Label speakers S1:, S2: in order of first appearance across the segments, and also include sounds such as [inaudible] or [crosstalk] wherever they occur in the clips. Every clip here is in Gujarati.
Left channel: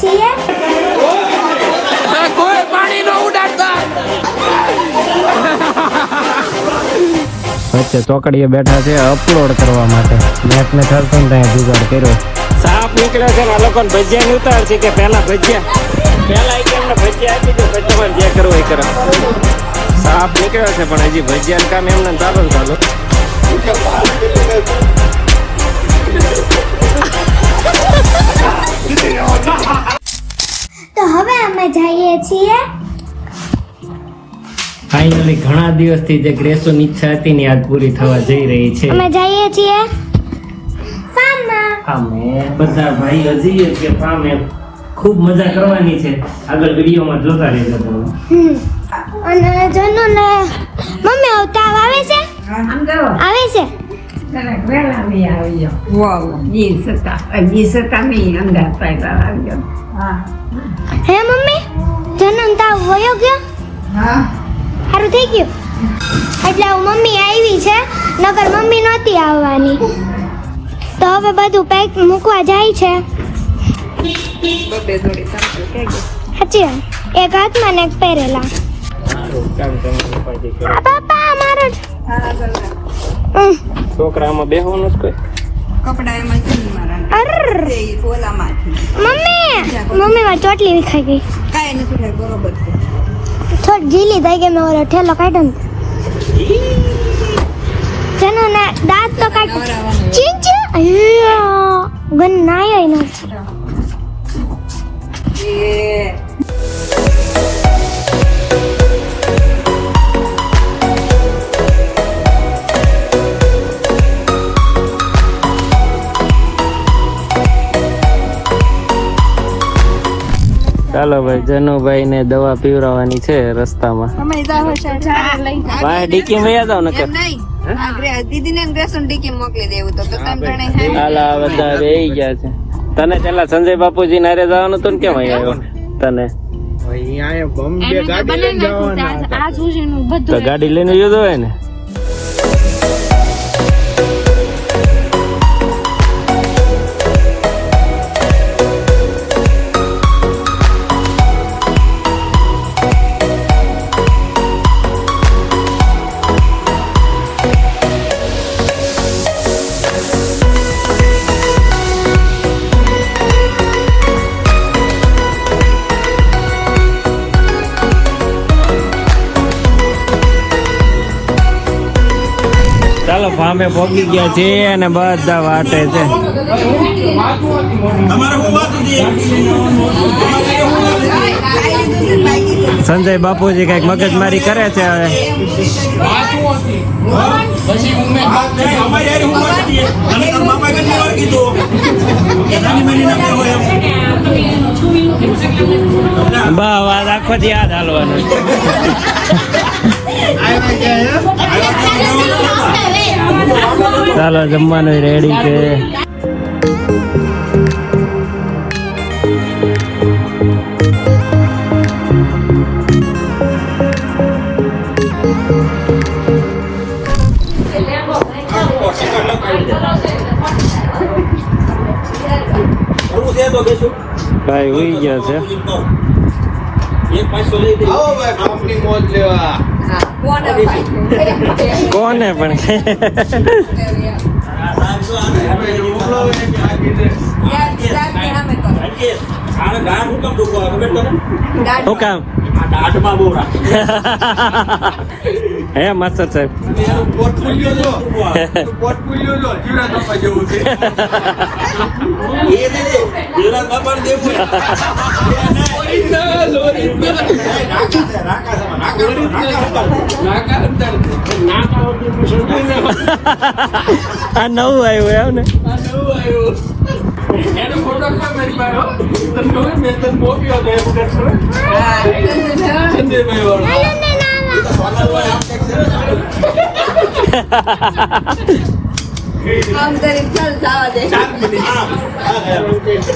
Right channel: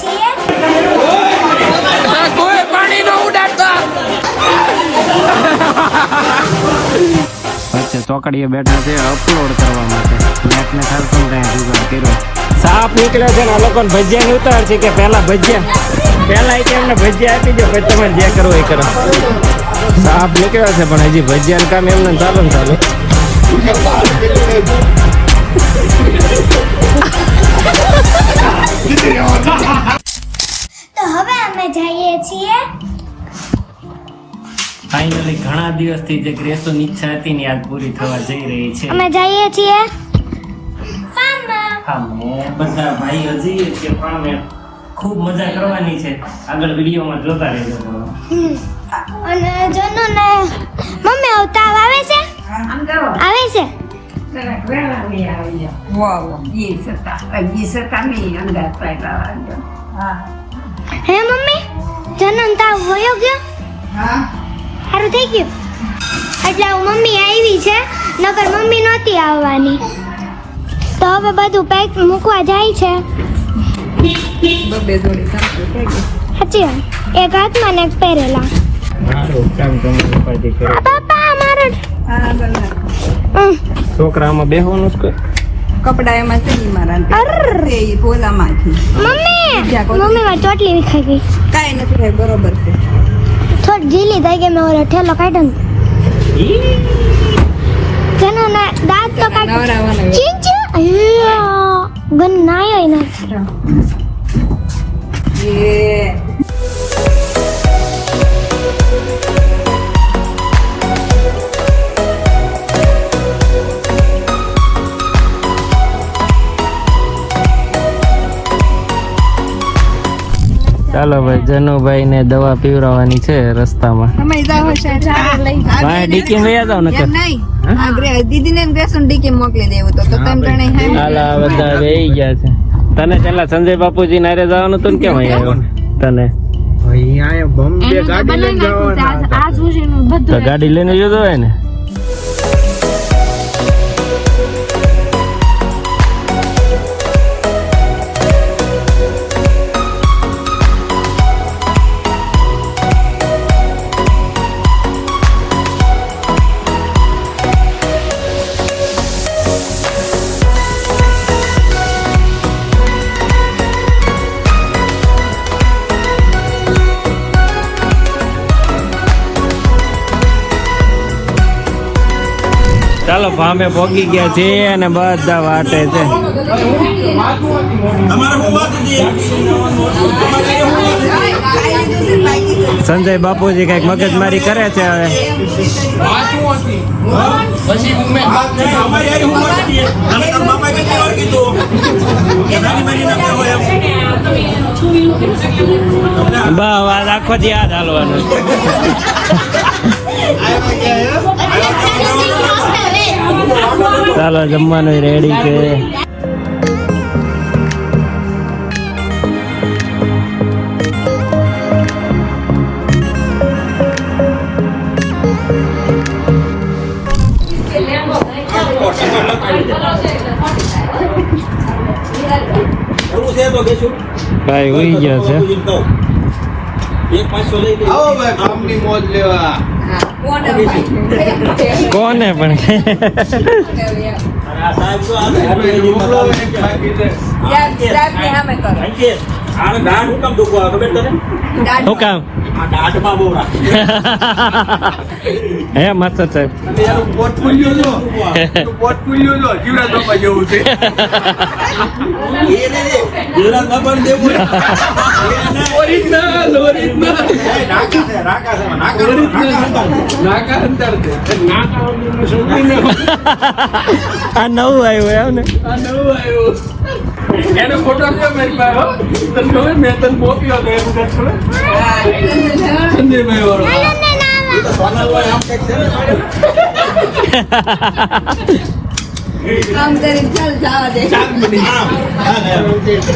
S1: છીએ?
S2: કોઈ પાણી નો ઉડાડતા.
S3: વચ્ચે ચોકડીએ બેઠા છે અપલોડ કરવા માટે. નેટ ને થરતું ને ત્યાં જુગાડ કર્યો.
S2: સાપ નીકળે છે ને આ લોકોને ભજીયા ની ઉતાર છે કે પહેલા ભજીયા પહેલા એક એમને ભજીયા આપી દે પછી તમે જે કરવું એ કરો. સાપ નીકળ્યો છે પણ હજી ભજીયા કામ એમને ચાલુ ને ચાલુ.
S1: તો હવે અમે જઈએ છીએ.
S3: ફાઇનલી ઘણા દિવસથી જે ગ્રેસોની ઈચ્છા હતી ને આજ પૂરી થવા જઈ રહી છે.
S1: અમે જઈએ છીએ. ફાર્મમાં
S3: બધા ભાઈ જઈએ કે પામે ખૂબ મજા કરવાની છે. આગળ વિડીયોમાં જોતા રહેજો તમે.
S1: અને જનુ ને મમ્મી અવતાર આવે છે? આવે છે? હે. મમ્મી. જનન તાવ વયો ગયો? સારું થઈ ગયું? એટલે મમ્મી આવી છે નગર મમ્મી નહોતી આવવાની. તો હવે બધું પેક મૂકવા જાય છે. સાચી એક હાથમાં ને એક પહેરેલા.
S2: કરો
S1: પપ્પા મારો.
S2: છોકરામાં બેહવાનું જ કોઈ
S4: કપડા એમાં મારા
S1: અરર.
S4: તે
S1: મમ્મી! મમ્મી માં ચોટલી વિખાઈ ગઈ.
S4: કાંઈ નથી થાય બરોબર છે.
S1: થોડી ઢીલી થઈ ગઈ મેં ઓલો ઠેલો કાઢ્યો ને. ના દાંત તો કાઢ ચીંચ ગન નાયો ને
S4: એ
S2: ચાલો ભાઈ જનુભાઈ ને દવા પીવરાવાની છે રસ્તામાં.
S4: તમે જાઓ છે ચારે લઈ
S2: ભાઈ ડીકી વયા જાવ ને
S4: એમ નહીં. આ ગ્રે- દીદીને ને ગ્રેસન ડીકે મોકલી દેવું તો તો તમે જણે
S2: હાલા બધા રહી ગયા છે. તને પેલા સંજય બાપુજી નારે જવાનું હતું ને કેમ અહીંયા તને? તો ગાડી લઈને જતો હોય ને ભામે પોગી ગયા છે અને બધા વાટે છે. સંજય બાપુજી કંઈક મગજમારી કરે છે હવે. આજ આખો યાદ હાલવાનું. ચાલો જમવાનું રેડી છે ભાઈ ઉઈ ગયા છે
S5: આવો ભાઈ કામની મોજ લેવા
S4: કોને
S2: પણ?
S4: યાર, દાંતને સામે કરો. દાંત
S2: શું કામ? [laughs] હે માસ્તર સાહેબ. [laughs] [laughs]
S5: જો
S2: આ નવું આવ્યું એમ ને?
S5: એનો ફોટો મેં પાયો તને ખબર મેં તને મોકલ્યો સંજયભાઈ વાળો.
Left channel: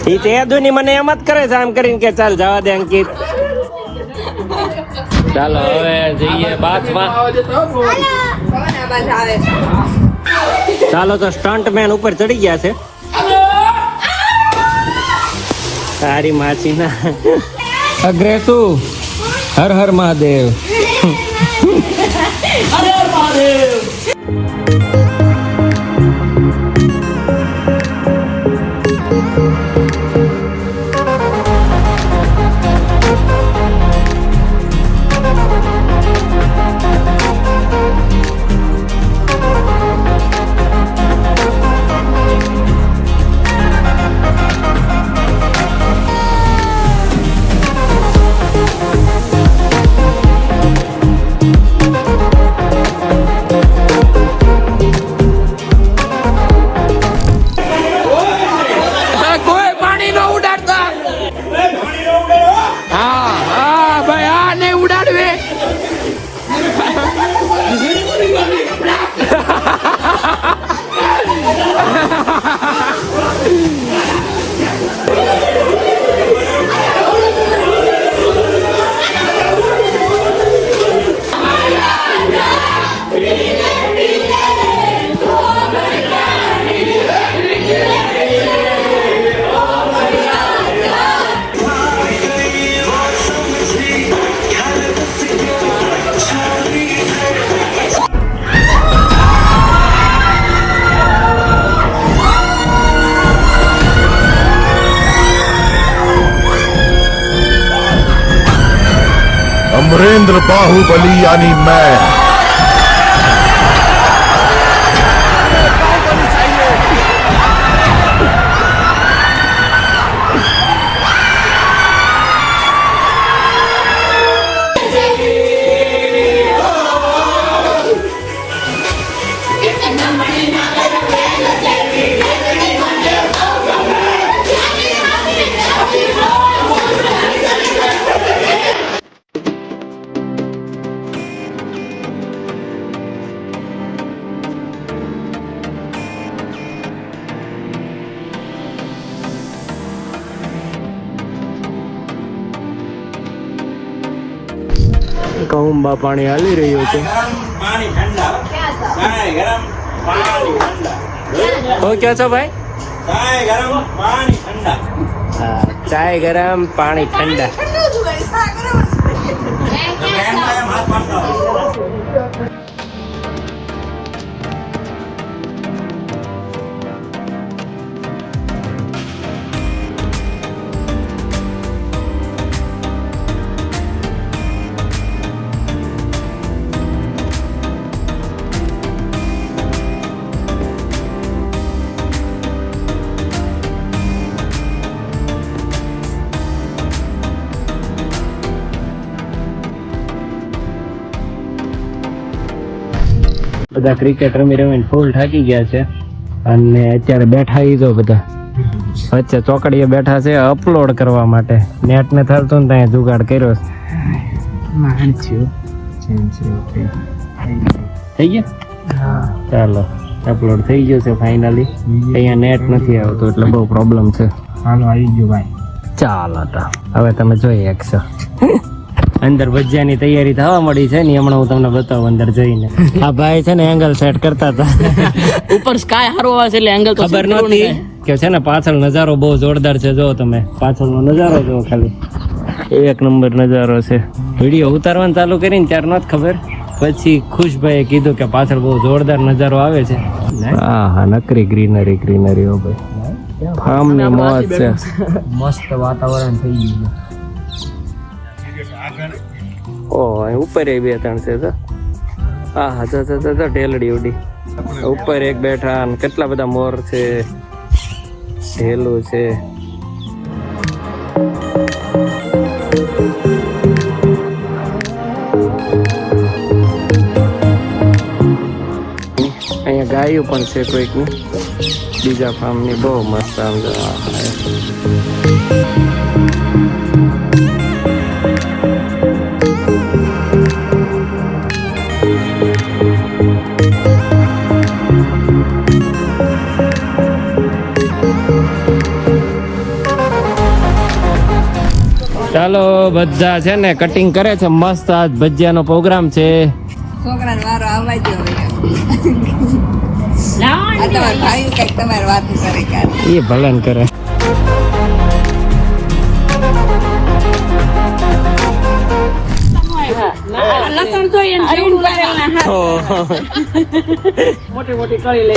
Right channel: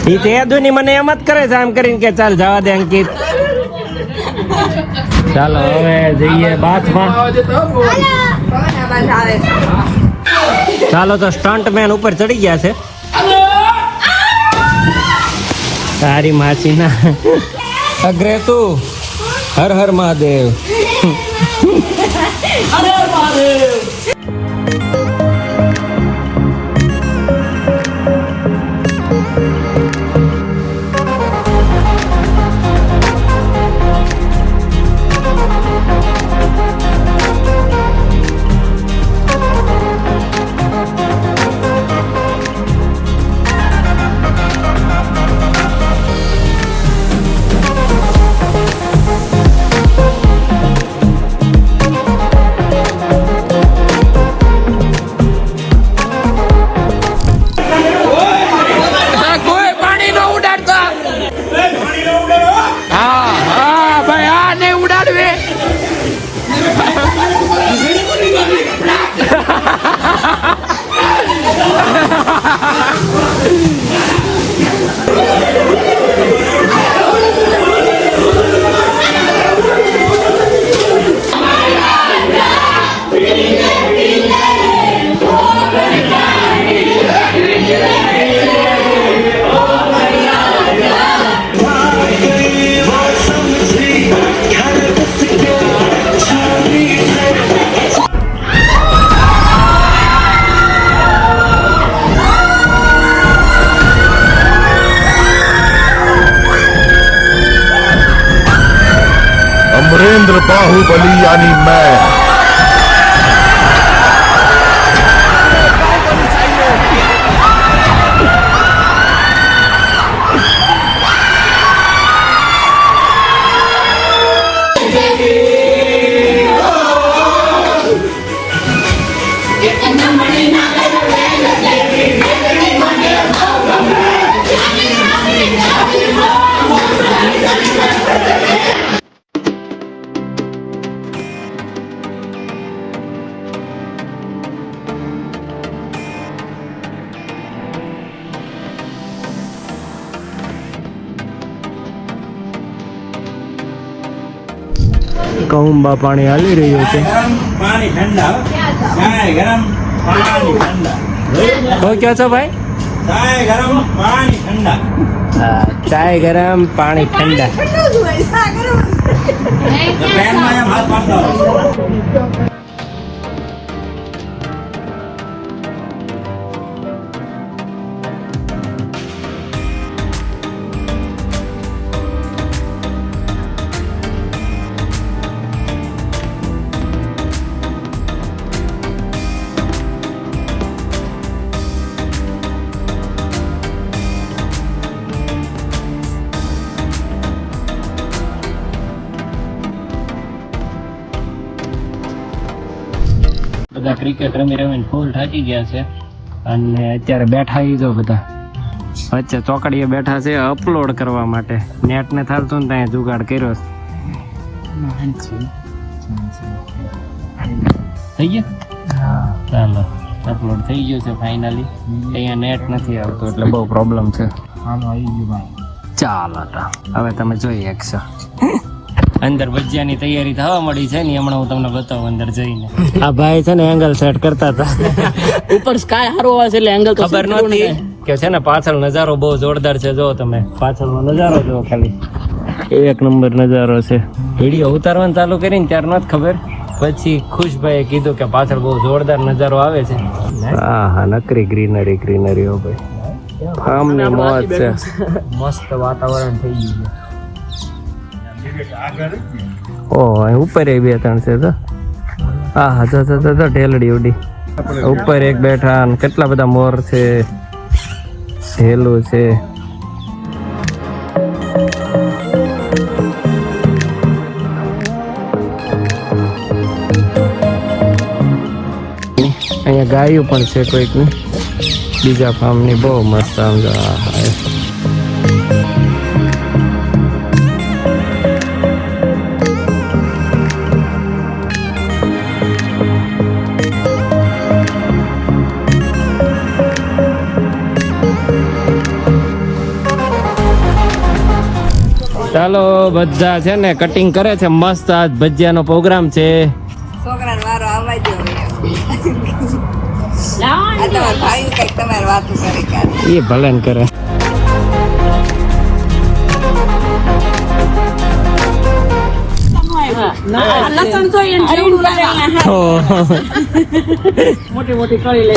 S5: એ તે
S2: મને એમ જ કરે છે આમ કરીને કે ચાલ જવા દે અંકિત. ચાલો હવે જઈએ બાથમાં? ચાલો તો સ્ટન્ટ મેન ઉપર ચડી ગયા છે. તારી માસીના. અગ્રે તું હર હર મહાદેવ. કોઈ
S6: બાહુબલી યાની મેં.
S2: કહુંબા પાણી હાલી રહ્યું છે.
S3: પાણી ઠંડા. ચાય ગરમ પાણી ઠંડા.
S2: તો ક્યાં છો ભાઈ
S3: ચાય ગરમ પાણી ઠંડા
S2: બધા ક્રિકેટ રમી રમીને ફૂલ થાકી ગયા છે. અને અત્યારે બેઠા ઈ જો બધા. વચ્ચે ચોકડીએ બેઠા છે અપલોડ કરવા માટે. નેટ ને થતું ને ત્યાં જુગાડ કર્યો છે. થઈ ગયા? ચાલો અપલોડ થઈ ગયો છે ફાઇનલી અહીંયા નેટ નથી આવતું એટલે બહુ પ્રોબ્લેમ છે.
S3: હાલો આવી ગયો ભાઈ.
S2: ચાલો હવે તમે જોઈ શકશો. અંદર ભજીયાની તૈયારી થવા મળી છે ને હમણાં હું તમને બતાવું અંદર જઈને. આ ભાઈ છે ને એંગલ સેટ કરતા હતા.
S7: ઉપર સ્કાય હારો આવે છે એટલે એંગલ
S2: ખબર નહોતી કે છે ને પાછળ નજારો બહુ જોરદાર છે જો તમે. પાછળનો નજારો જો ખાલી. એક નંબર નજારો છે. વીડિયો ઉતારવાનું ચાલુ કરીને ત્યાર જ ખબર. પછી ખુશભાઈએ કીધું કે પાછળ બહુ જોરદાર નજારો આવે છે. હા હા નકરી ગ્રીનરી ગ્રીનરી હો ભાઈ. ફાર્મની મોજ છે. મસ્ત વાતાવરણ થઈ ગયું છે. ઓહ ઉપર એ બે ત્રણ છે તો? હા હા તો તો તો, ઢેલડી ઉડી. ઉપર એક બેઠા કેટલા બધા મોર છે, ઢેલું છે. અહીંયા ગાયો પણ છે કોઈકની. બીજા ફાર્મની બહુ મસ્ત આમ જો હા ચાલો બધા છે ને કટિંગ કરે છે મસ્ત આજ ભજીયાનો પ્રોગ્રામ છે. એ ભલન કરે. મોટી મોટી
S5: કરી લે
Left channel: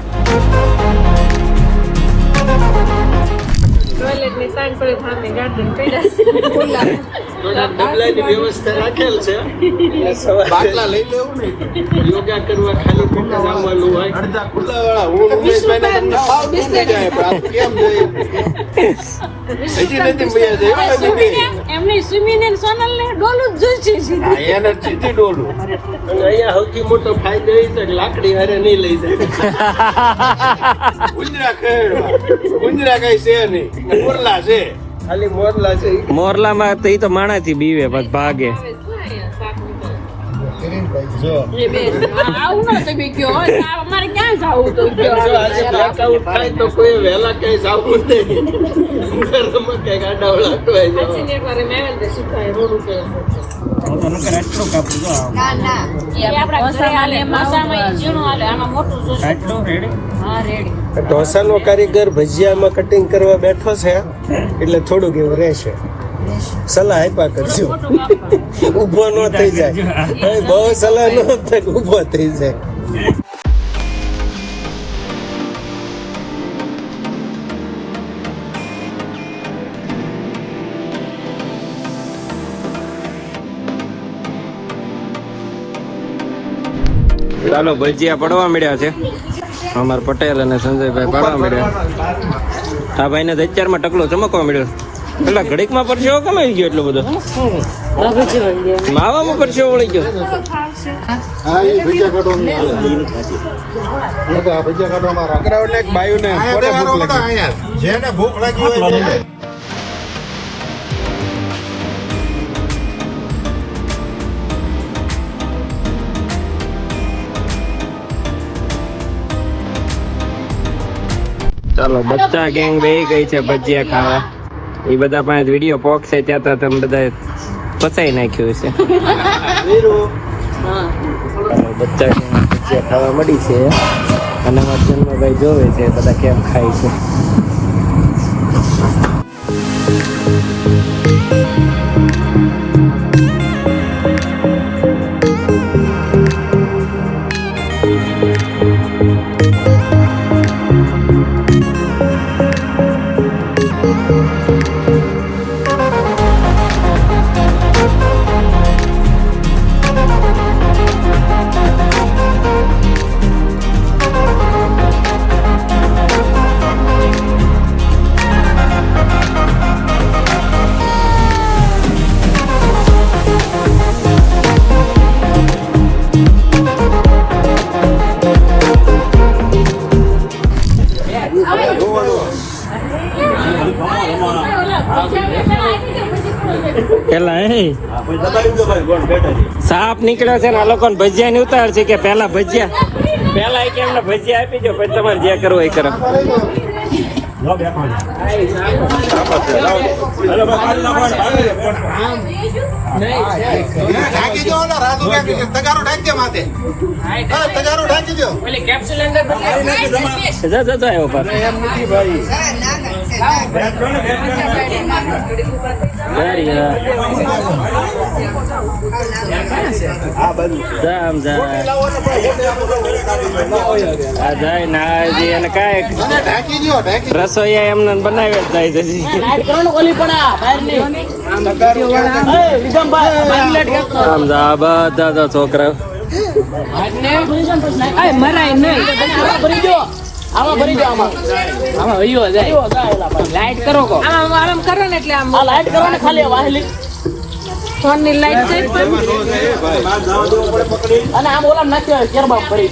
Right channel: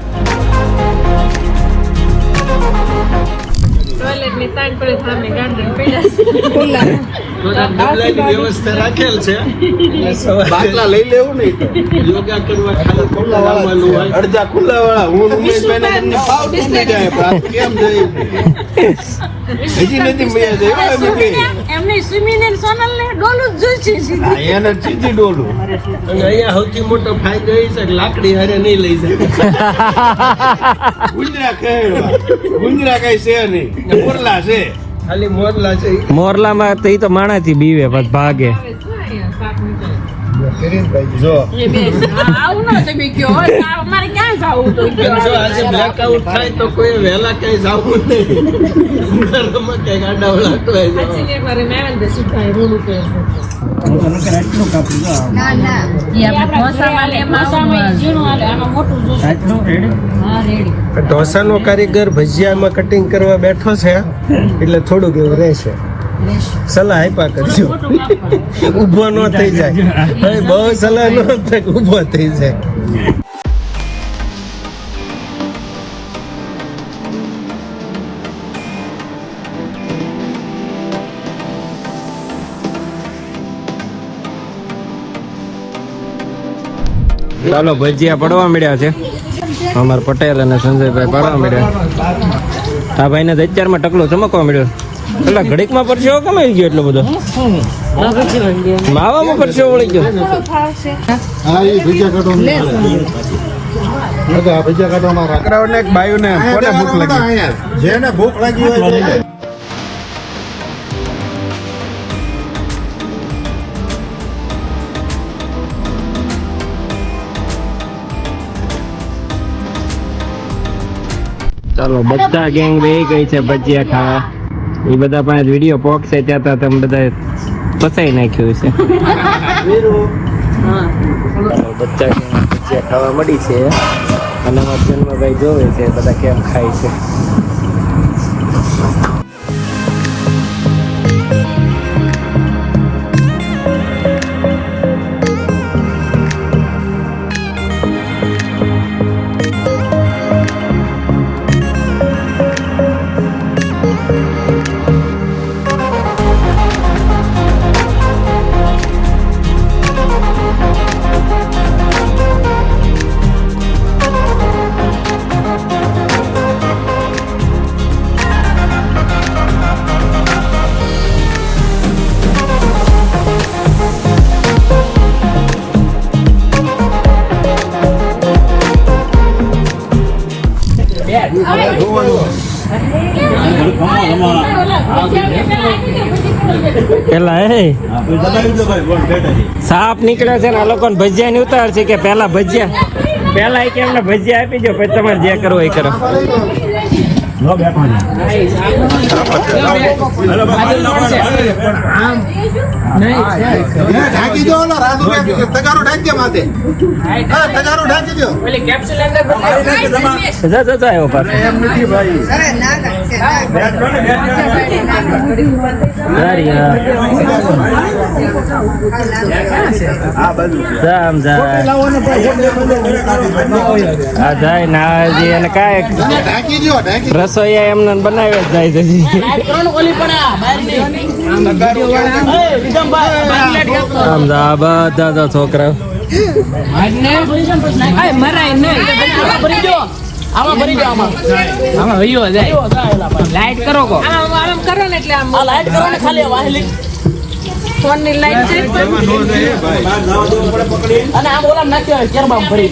S5: વ્યવસ્થા રાખેલ છે. બાટલા લઈ લેવું ને યોગા કરવા ખાલી ખોટા લાવવાનું હોય. અડધા ખુલ્લા વાળા હું ઉમેશભાઈ ને તમને ભાવ નહીં જાય પણ કેમ જોયું હજી નથી મળ્યા છે
S7: ને ડોલું જ જોઈશે
S5: હા, એને સીધી ડોલું. અને અહીંયા સૌથી મોટો ફાયદો એ છે કે લાકડી હારે નહીં લઈ જાય. ગુંજરા કઈ છે નહીં. મોરલા છે. ખાલી મોરલા છે
S2: મોરલામાં તો એ તો માણાથી બીવે પછી ભાગે
S5: જો.
S7: આવું ન તમે કયો અમારે ક્યાં જવું તો?
S5: જો આજે બ્લેકઆઉટ થાય તો કોઈ વહેલા ક્યાંય જવું નહીં.
S7: મારે મેવન દે સીધા રોડ ઉપર
S4: ના ના.
S5: ઢોસાનો કારીગર ભજીયામાં કટિંગ કરવા બેઠો છે એટલે થોડુંક એવું રહેશે. સલાહ આપ્યા કરજો. ઊભો ન થઈ જાય. બહુ સલાહ ન થાય ઊભો થઈ જાય.
S2: ચાલો ભજીયા પડવા મળ્યા છે. અમાર પટેલ અને સંજયભાઈ પડવા મળ્યા. આ ભાઈને અત્યારમાં ટકલો ચમકવા મળ્યો. પેલા ઘડીકમાં પરસેવો કેમ આવી ગયો એટલો બધો? માવામાં પરસેવો વળી ગયો.
S5: છોકરાઓને એક બાયુને કોને ભૂખ લાગી?
S6: જેને ભૂખ લાગી હોય
S2: ચાલો બધા ગેંગ બે ગઈ છે ભજીયા ખાવા. એ બધા પાસે વીડિયો પોક છે, ત્યાં ત્યાં તમે બધા પચાઈ નાખ્યું છે બચ્ચા બધા ખાવા મળી છે. અને અમારા જન્મભાઈ જોવે છે, બધા કેમ ખાય છે. સાપ નીકળ્યો છે ને આ લોકોને ભજીયા ની ઉતાર છે કે પેલા ભજીયા. પેલા એક એમને ભજીયા આપી દો પછી તમારે જે કરવું એ કરો.
S6: ઢાંકી દો ઓલા રાજુ ઢાંકી દો. તગારો ઢાંકી દે માથે હા તગારો ઢાંકી દો
S2: જા જા જા
S5: એમ નથી ભાઈ
S4: અરે ના. કરશે, ના અને
S2: કાંઈક હા એમને આમ જા જાય હજી એને કાંઈ
S6: છોકરા
S2: રસોઈયા ભરી દે આમાં. આમાં છે જાય. આમ આ બધા તો છોકરા
S7: આમ આમ કરો ને એટલે આમ લાઈટ કરો ને ખાલી વાહલી. ફોનની લાઈટ છે. અને આમ ઓલા નાખ્યો કેરબામ ભરી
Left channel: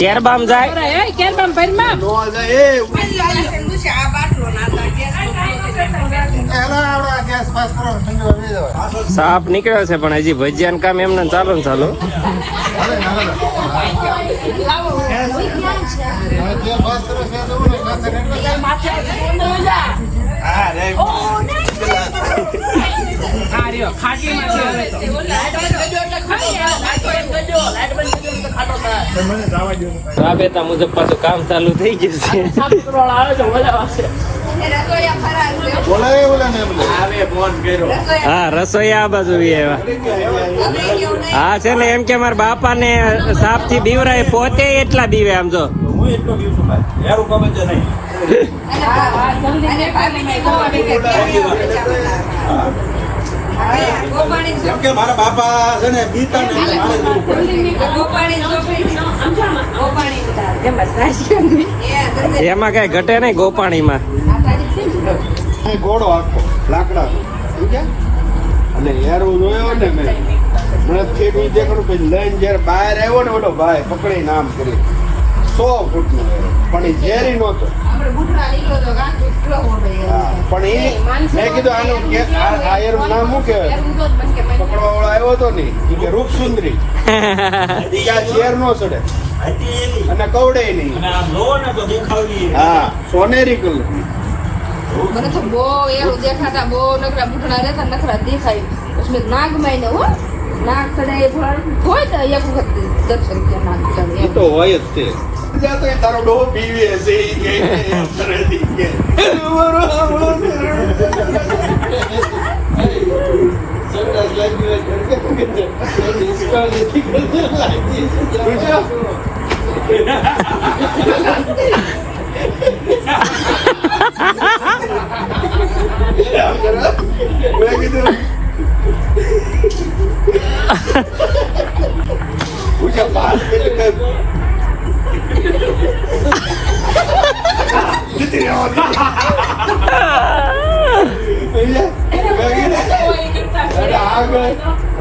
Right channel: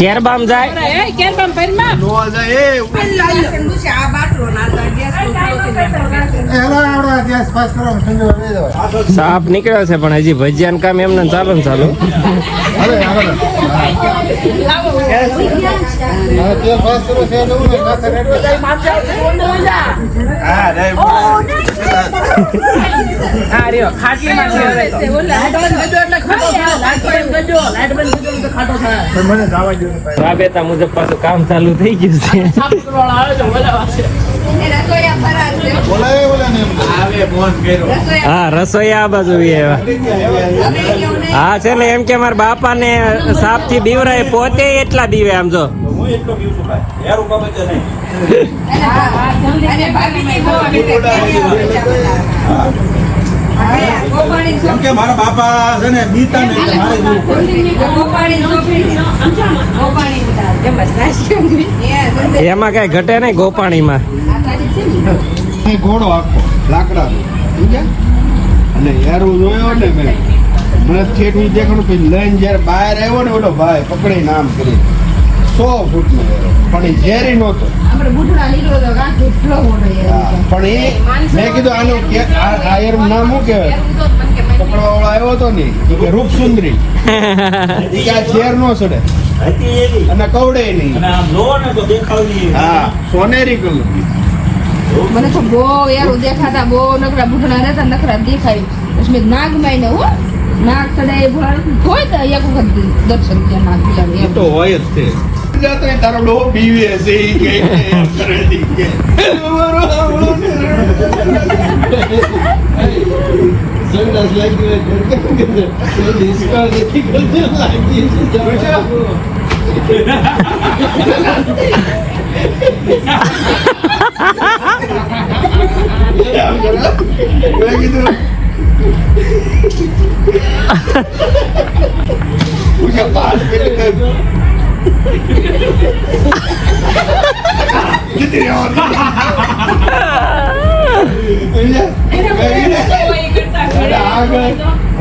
S2: કેરબામ જાય
S7: એ કેરબામ ભરી. માં
S5: નો જાય. એ
S4: આ બાટલો ના થાય, ગેસ
S6: હેલો આવડો ગેસ પાસ કરો ઠંડો લઈ દેવાય
S2: સાપ નીકળ્યો છે પણ હજી ભજીયાનું કામ એમને ચાલો ને ચાલુ.
S6: જે પાસ કરો છે જવું ને કાંસે રેડવા
S5: હા રે
S7: આ રહ્યો ખાટલી માં છે. ઓલા એટલે ખાટલી લાઈટ બંધ કરજો લાઈટ બંધ કરજો તો ખાટો થાય
S2: આ બેટા મુજબ પાછું કામ ચાલુ થઈ ગયું છે. હા, રસોઈ આ બાજુ. હા, છે ને, એમ કે મારા બાપા ને સાપથી બીવરાય પોતે એટલા બીવે આમ જો
S4: અને
S6: કેમ કે મારા બાપા છે ને બીતા ને મારે જોવું પડે.
S4: એમ
S2: કઈ ઘટે નહીં ગોપાણીમાં
S5: ઘોડો આખો સમજ્યા? અને યારું જોયો ને મેં. મને ઠેઠ ઈ દેખાણું પછી લઈને જ્યારે બહાર આવ્યો ને ઓલો ભાઈ પકડીને આમ કરી. સો ફૂટનો યારો પણ એ ઝેરી નહોતો.
S4: કાં
S5: પણ એ મેં કીધું આનું કે આ આ યાર નામ શું કહેવાય? વાળો આવ્યો હતો ને કે રૂપ સુંદરી [laughs] આ ઝેર નો
S6: સડે.
S5: અને કવડે નહીં.
S6: અને આમ જોવો ને તો દેખાવડી એવી.
S5: હા સોનેરી કલર.
S4: મને તો બહુ યાર દેખાતા બહુ નકરા બુઢડા રહેતા નકરા દેખાય. મેં નાગ માઈને હો નાગ સડે હોય તો એક વખત દર્શન ત્યાં નાગ
S5: તો હોય જ તે. જાતો એ તારો ડોહો બીવે હશે ઈ કે એમ કરે ઈ કે. સંડાસ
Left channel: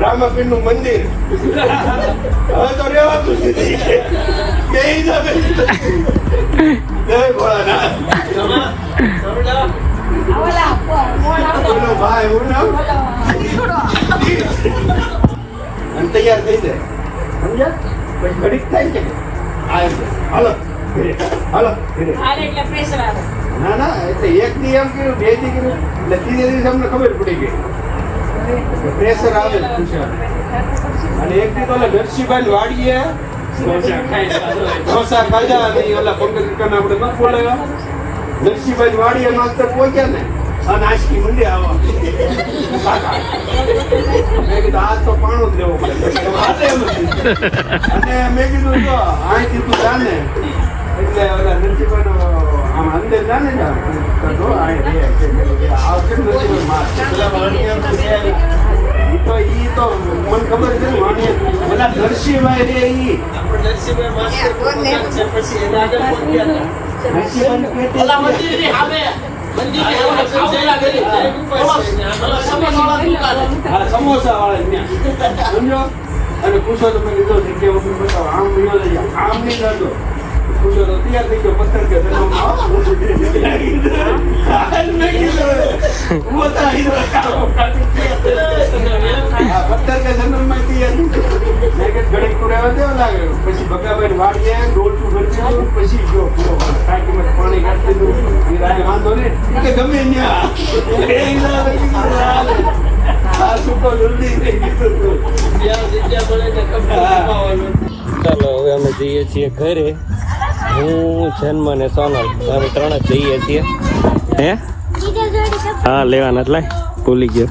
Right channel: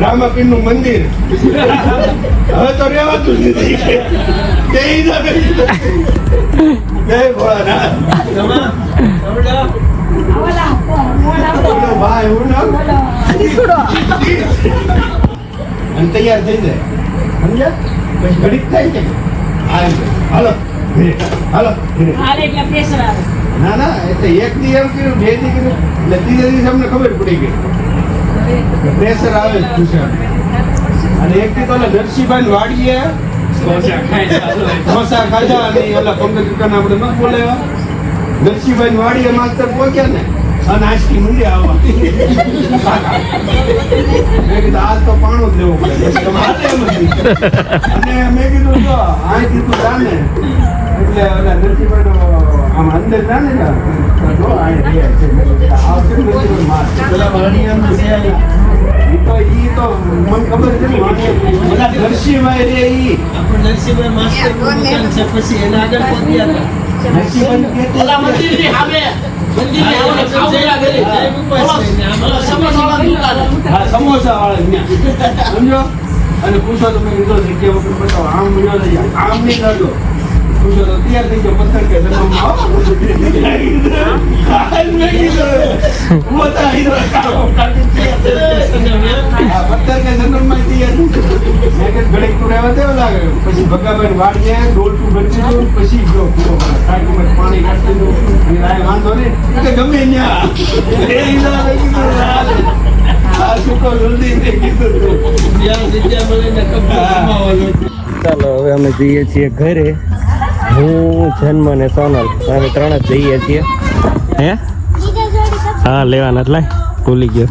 S5: રામાપીરનું મંદિર હવે તો રેવાતું જ નથી ભાઈ હું તૈયાર થઈ જાય. સમજ્યા? ઘડીક થાય છે. હાલો ઘરે હાલો ઘરે
S7: હાલે એટલે પ્રેશર આવે.
S5: ના ના એટલે એક દી એમ કર્યું બે દી કર્યું. એટલે ત્રીજે દિવસ અમને ખબર પડી ગઈ. પ્રેશર આવે જ પૂછ્યા અને એક દી તો ઓલા નરસિંહભાઈ વાડીએ ઢોસા ખાધા અને ઓલા પંકજ કાકાને આપણે ન બોલાવ્યા નરસિંહભાઈ વાડીએ માસ્તર પહોંચ્યા ને અને આંચકી મૂલ્ય આવો મેં કીધું આજ તો પાણો જ દેવો પડે. અને મેં કીધું અહીંથી તું જાને એટલે ઓલા નરસિંહભાઈનો આમ અંદર જાણે ને. તો આવશે નરસિંહભાઈ. તો ઈ તો મને ખબર છે. ઓલા નરસિંહભાઈ રે ઈ.
S7: નરસિંહભાઈ માસ્ટર
S4: કોણ
S7: છે? પછી એના આગળ કોણ ગયા
S5: નરસિંહભાઈ
S7: ઓલા મંદિરની સામે.
S5: સમોસા વાળા સમજો? અને પૂછો તો મેં જગ્યા ઉપર બતાવો. આમ મળ્યો લઈ જાઓ આમ નહીં લાગ્યો પૂછો તો તૈયાર થઈ ગયો પથ્થર કે પથ્થર કે જન્મમાં તૈયાર મેં કીધું ઘડીક તું રહેવા દે ઓલા પછી ભગાભાઈ પછી જો પૂરો પાણી કાઢી અને વાંધો નહીં. ગમે ત્યાં.
S2: ચાલો હવે અમે જઈએ છીએ ઘરે. હું જન્મ ને સોનલ અમે ત્રણ જ જઈએ છીએ. હે? હા લેવાના એટલે ભૂલી ગયો.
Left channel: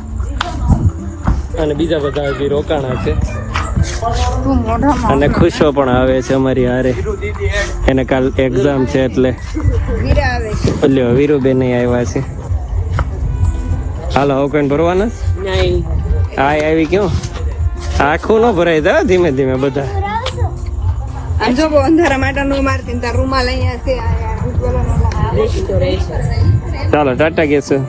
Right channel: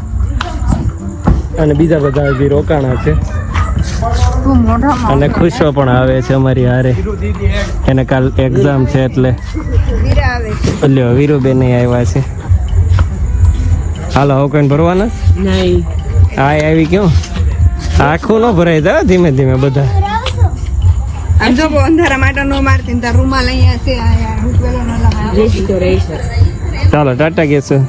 S2: અને બીજા બધા હજી રોકાણા છે. અને ખુશો પણ આવે છે અમારી હારે. એને કાલ એક્ઝામ છે એટલે. વીરુબેન આવ્યા છે. હાલો હવે કઈ ભરવાના?
S7: નહીં.
S2: હા આવી ક્યો આખું ન ભરાય તા ધીમે ધીમે બધા.
S4: અંધારા માટે નો મારતી તાર રૂમાલ અહીંયા છે અહીંયા રૂટવેલો ના લાગે
S7: રેસી તો રહી છે.
S2: ચાલો ટાટા કહેશું